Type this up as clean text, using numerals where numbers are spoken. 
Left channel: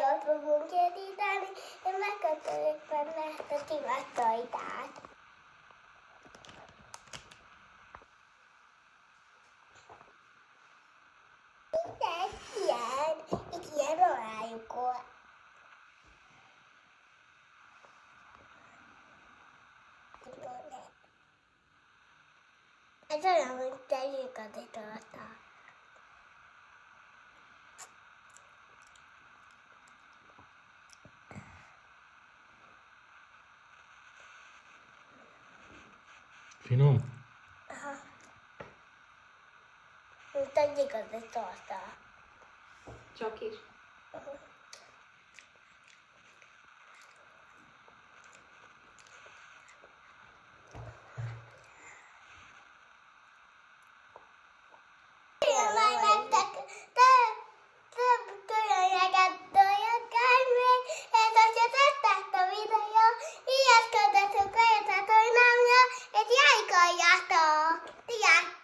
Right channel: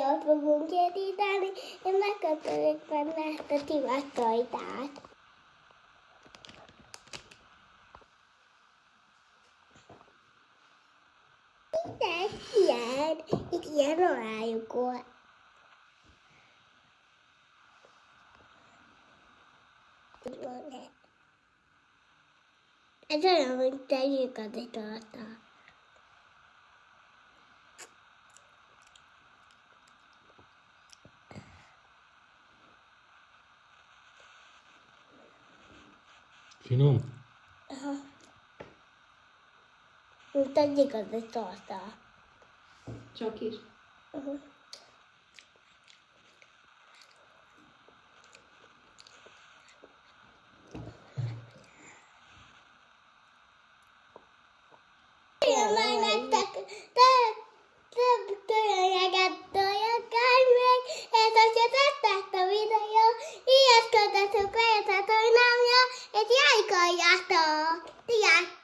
jót fogunk készíteni, én megkötőjük benne ezt a tivattojtát. Itt ilyen alájuk volt. Ez olyan, hogy tegyük az italtal. Finom? Aha. Tegyük az italtal. Csak is. Én majd nektek több különleget dolgokkal még, és hogyha tetszett a videó, ilyesködhetünk fel a csatornámra, és lájkoljátok! Sziasztok!